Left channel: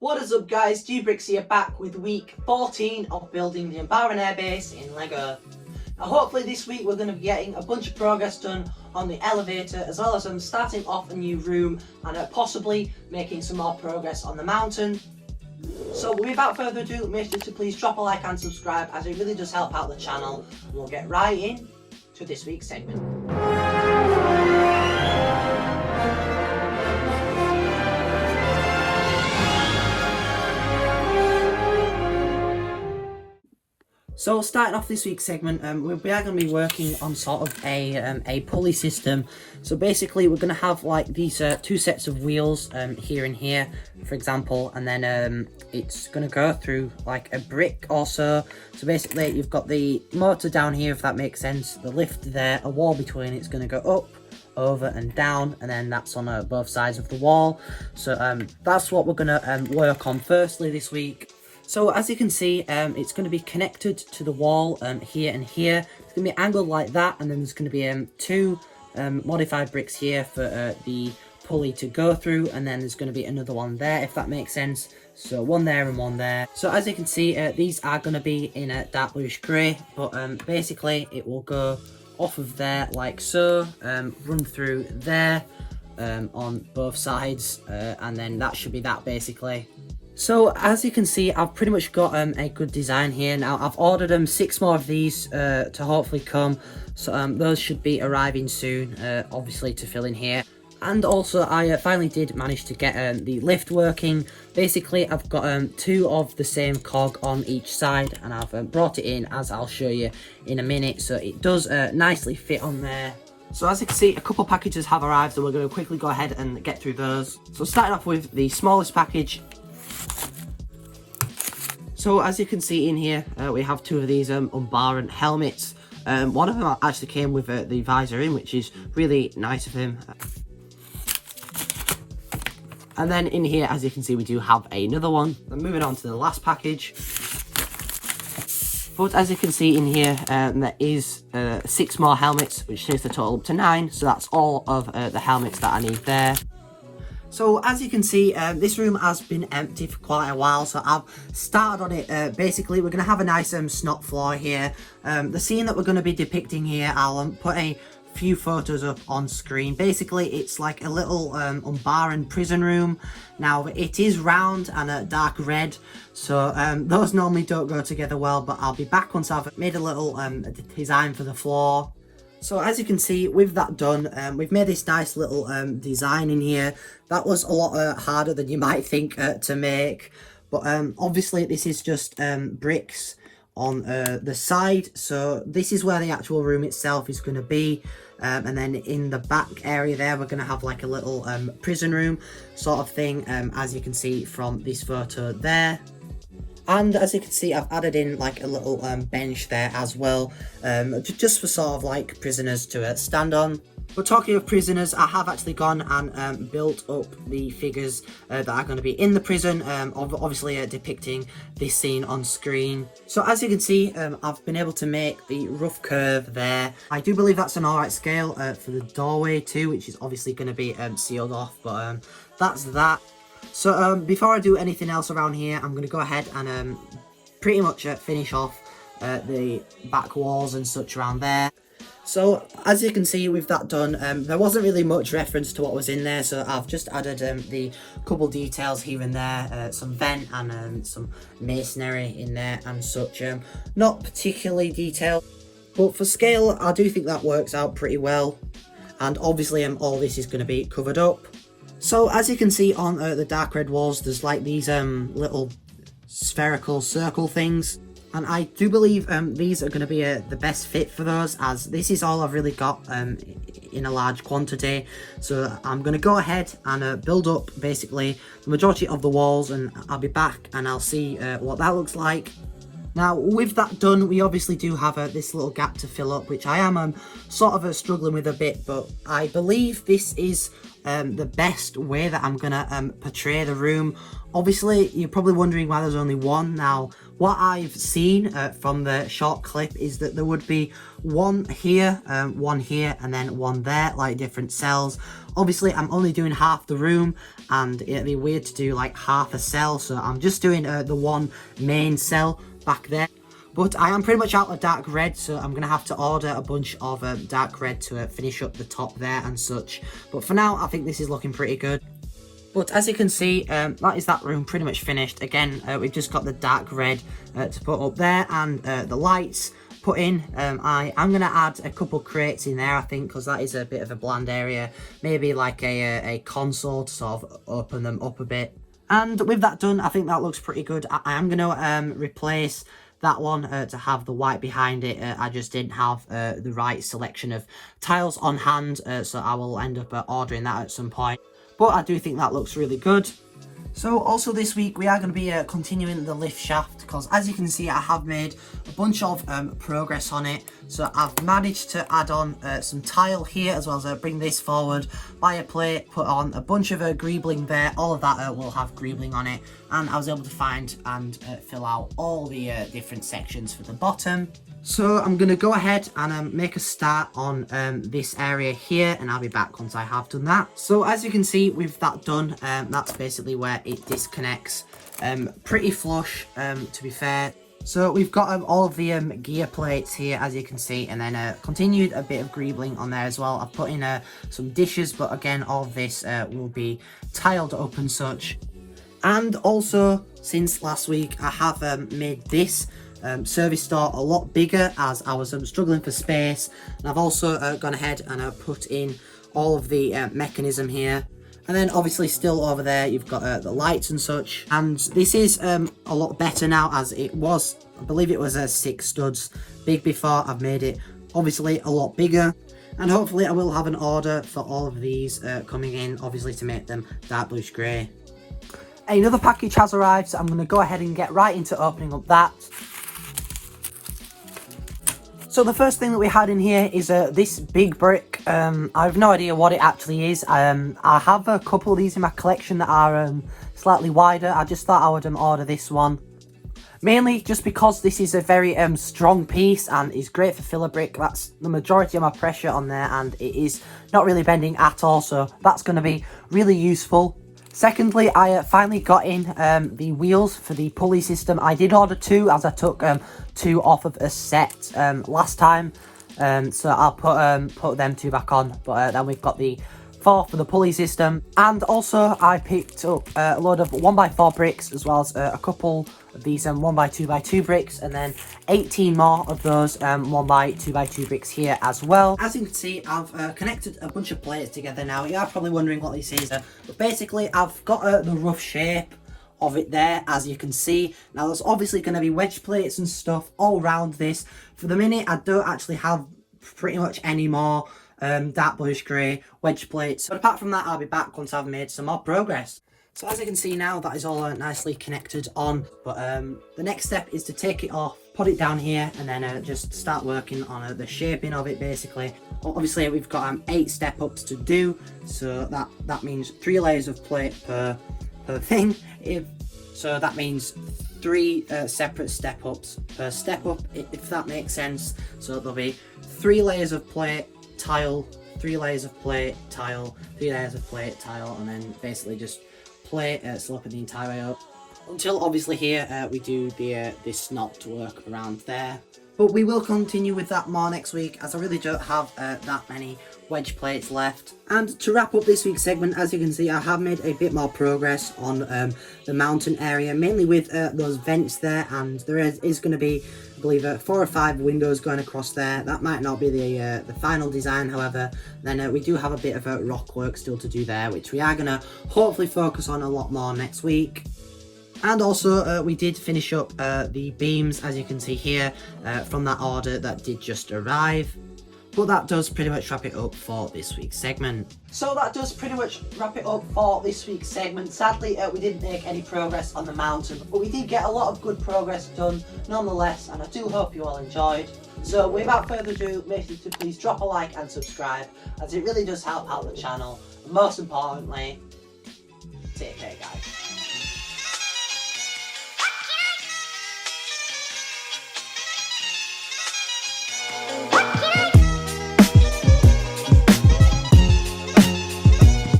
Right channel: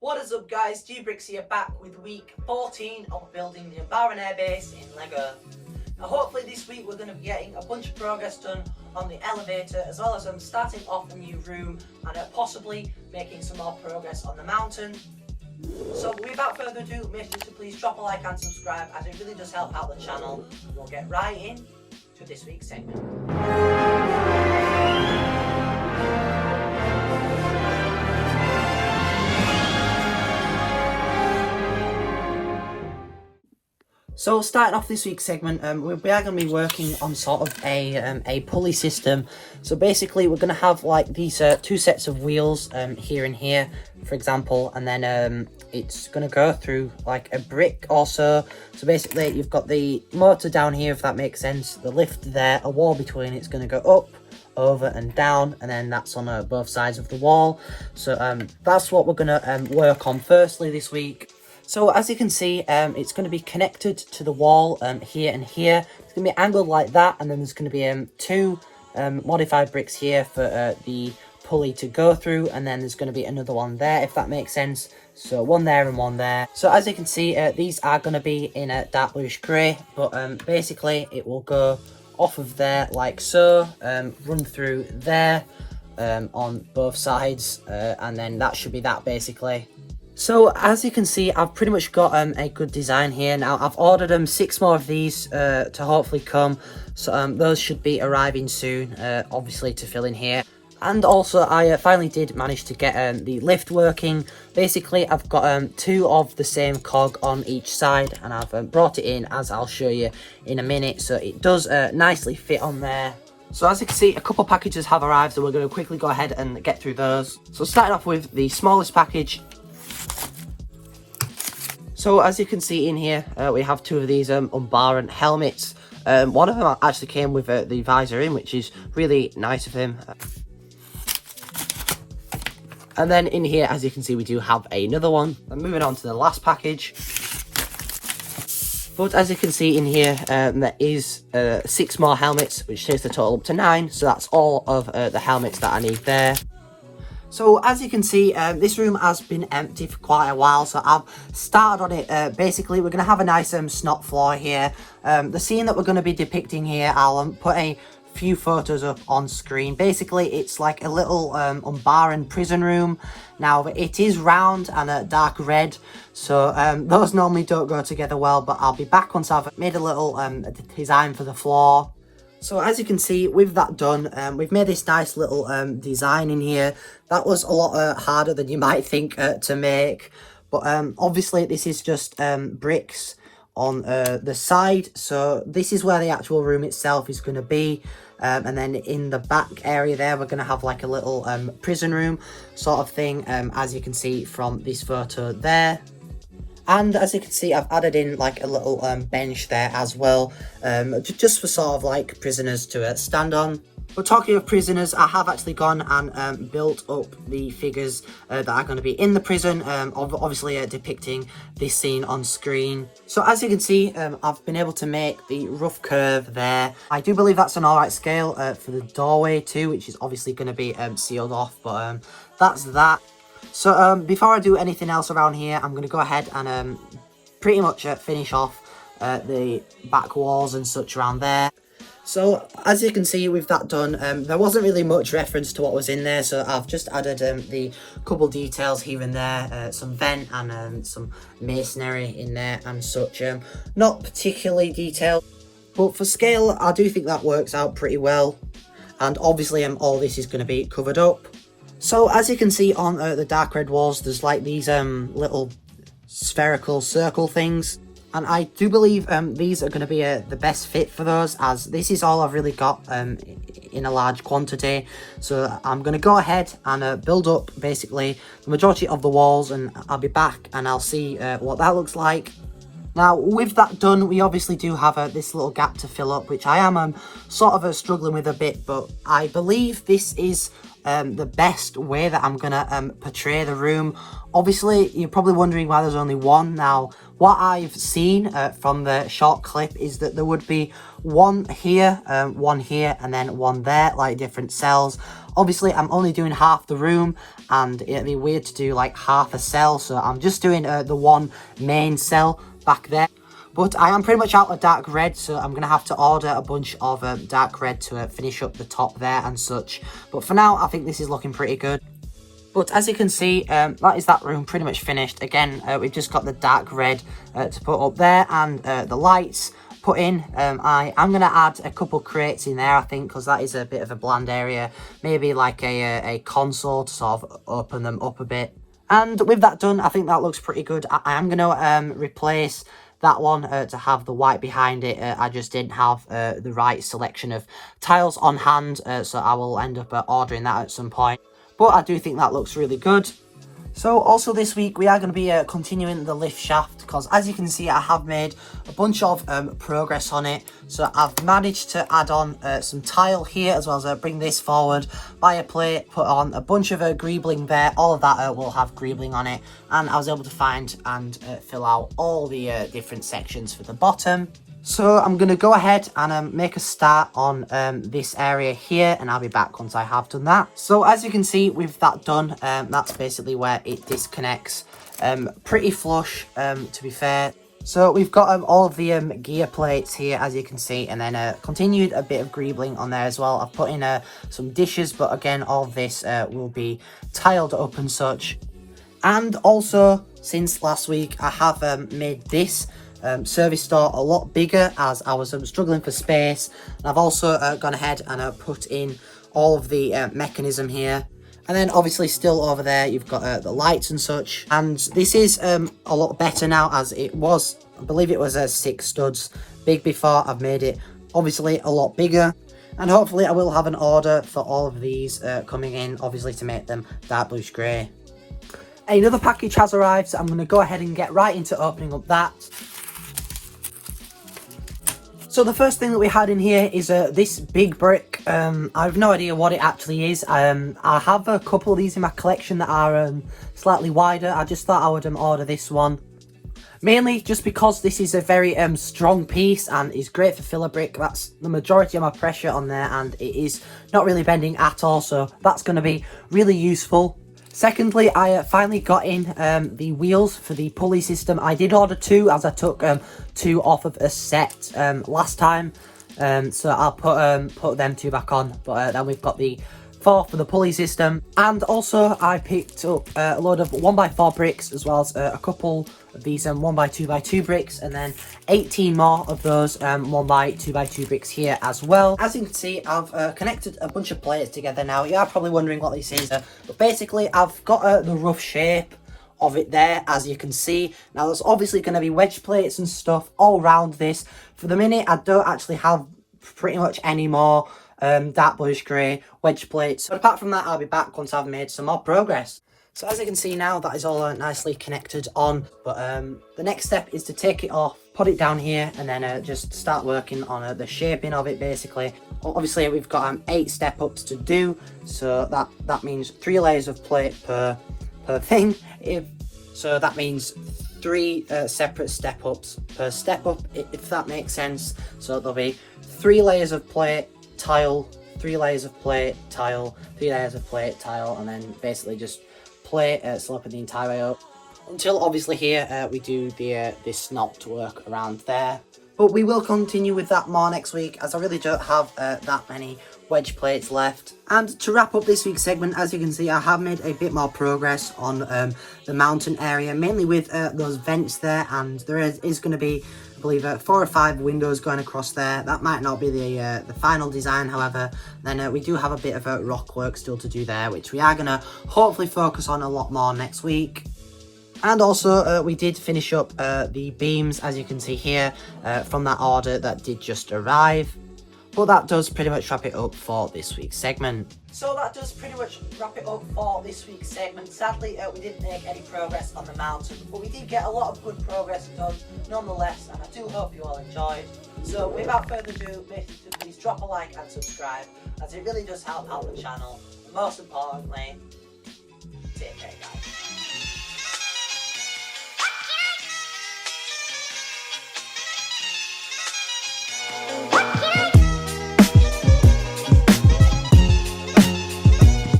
What is up guys, Brix here back with week 14 of building the Umbaran Airbase in Lego. Now hopefully this week we're going to be getting a bunch of progress done on the elevator, as well as starting off a new room and possibly making some more progress on the mountain. So without further ado, make sure to please drop a like and subscribe, as it really does help out the channel. We'll get right in to this week's segment. So starting off this week's segment, we are going to be working on sort of a pulley system. So basically we're going to have like these two sets of wheels here and here, for example, and then it's going to go through like a brick or so. So basically you've got the motor down here, if that makes sense, the lift there, a wall between it's going to go up, over and down, and then that's on both sides of the wall. So that's what we're going to work on firstly this week. So as you can see, it's going to be connected to the wall here and here. It's going to be angled like that, and then there's going to be two modified bricks here for the pulley to go through, and then there's going to be another one there, if that makes sense. So one there and one there. So as you can see, these are going to be in a dark bluish grey, but basically it will go off of there like so, run through there on both sides, and then that should be that basically. So as you can see, I've pretty much got a good design here. Now I've ordered 6 more of these to hopefully come, so those should be arriving soon, obviously to fill in here. And also I finally did manage to get the lift working. Basically I've got 2 of the same cog on each side, and I've brought it in, as I'll show you in a minute, so it does nicely fit on there. So as you can see, a couple packages have arrived, so we're going to quickly go ahead and get through those. So starting off with the smallest package. So as you can see in here, we have 2 of these Umbaran helmets. One of them actually came with the visor in, which is really nice of him. And then in here, as you can see, we do have another one. And moving on to the last package. But as you can see in here, there is 6 more helmets, which takes the total up to 9. So that's all of the helmets that I need there. So as you can see, this room has been empty for quite a while, so I've started on it. Basically, we're going to have a nice snot floor here. The scene that we're going to be depicting here, I'll put a few photos up on screen. Basically, it's like a little Umbaran prison room. Now, it is round and dark red, so those normally don't go together well, but I'll be back once I've made a little design for the floor. So as you can see, with that done, we've made this nice little design in here. That was a lot harder than you might think to make, but obviously this is just bricks on the side. So this is where the actual room itself is going to be, and then in the back area there, we're going to have like a little prison room sort of thing, as you can see from this photo there. And as you can see, I've added in like a little bench there as well, just for sort of like prisoners to stand on. But talking of prisoners, I have actually gone and built up the figures that are going to be in the prison, obviously depicting this scene on screen. So as you can see, I've been able to make the rough curve there. I do believe that's an alright scale for the doorway too, which is obviously going to be sealed off, but that's that. So before I do anything else around here, I'm going to go ahead and pretty much finish off the back walls and such around there. So as you can see, with that done, there wasn't really much reference to what was in there, so I've just added the couple details here and there, some vent and some masonry in there and such. Not particularly detailed, but for scale I do think that works out pretty well, and obviously all this is going to be covered up. So as you can see on the dark red walls, there's like these little spherical circle things. And I do believe these are going to be the best fit for those, as this is all I've really got in a large quantity. So I'm going to go ahead and build up basically the majority of the walls, and I'll be back and I'll see what that looks like. Now, with that done, we obviously do have this little gap to fill up, which I am sort of struggling with a bit, but I believe this is the best way that I'm going to portray the room. Obviously, you're probably wondering why there's only one. Now, what I've seen from the short clip is that there would be one here, and then one there, like different cells. Obviously, I'm only doing half the room, and it'd be weird to do like half a cell, so I'm just doing the one main cell back there. But I am pretty much out of dark red, so I'm going to have to order a bunch of dark red to finish up the top there and such. But for now, I think this is looking pretty good. But as you can see, that is that room pretty much finished. Again, we've just got the dark red to put up there, and the lights put in. I am going to add a couple crates in there, I think, because that is a bit of a bland area. Maybe like a console to sort of open them up a bit. And with that done, I think that looks pretty good. I am going to replace that one to have the white behind it. I just didn't have the right selection of tiles on hand, so I will end up ordering that at some point. But I do think that looks really good. So also this week we are going to be continuing the lift shaft, because as you can see I have made a bunch of progress on it. So I've managed to add on some tile here, as well as bring this forward by a plate, put on a bunch of greebling there. All of that will have greebling on it, and I was able to find and fill out all the different sections for the bottom. So I'm going to go ahead and make a start on this area here, and I'll be back once I have done that. So as you can see, with that done, that's basically where it disconnects. Pretty flush, to be fair. So we've got all of the gear plates here, as you can see, and then continued a bit of greebling on there as well. I've put in some dishes, but again, all of this will be tiled up and such. And also, since last week, I have made this service store a lot bigger, as I was struggling for space. And I've also gone ahead and put in all of the mechanism here. And then obviously still over there you've got the lights and such. And this is a lot better now, as it was, I believe it was 6 studs big before. I've made it obviously a lot bigger. And hopefully I will have an order for all of these coming in, obviously to make them dark bluish grey. Another package has arrived, so I'm going to go ahead and get right into opening up that. So the first thing that we had in here is this big brick. I have no idea what it actually is. I have a couple of these in my collection that are slightly wider. I just thought I would order this one. Mainly just because this is a very strong piece and is great for filler brick. That's the majority of my pressure on there, and it is not really bending at all. So that's going to be really useful. Secondly, I finally got in the wheels for the pulley system. I did order 2, as I took 2 off of a set last time, so I'll put them 2 back on. But then we've got the 4 for the pulley system, and also I picked up a load of 1x4 bricks, as well as a couple of these 1x2x2 bricks, and then 18 more of those 1x2x2 bricks here as well. As you can see, I've connected a bunch of plates together now. You are probably wondering what this is, but basically I've got the rough shape of it there, as you can see. Now there's obviously going to be wedge plates and stuff all around this. For the minute, I don't actually have pretty much any more dark bluish grey wedge plates, but apart from that I'll be back once I've made some more progress. So as you can see now, that is all nicely connected on, but the next step is to take it off, put it down here, and then just start working on the shaping of it basically. Obviously we've got 8 step ups to do, so that means 3 layers of plate per thing. So that means 3 separate step ups per step up, if that makes sense. So there'll be 3 layers of plate, tile, 3 layers of plate, tile, 3 layers of plate, tile, and then basically just plate sloping the entire way up until obviously here we do this knot work around there. But we will continue with that more next week, as I really don't have that many wedge plates left. And to wrap up this week's segment, as you can see, I have made a bit more progress on the mountain area, mainly with those vents there, and there is going to be, I believe, 4 or 5 windows going across there. That might not be the final design, however. Then we do have a bit of rock work still to do there, which we are going to hopefully focus on a lot more next week. And also we did finish up the beams, as you can see here, from that order that did just arrive. But that does pretty much wrap it up for this week's segment. So that does pretty much wrap it up for this week's segment. Sadly, we didn't make any progress on the mountain, but we did get a lot of good progress done nonetheless, and I do hope you all enjoyed. So without further ado, make sure to please drop a like and subscribe, as it really does help out the channel. And most importantly, take care guys.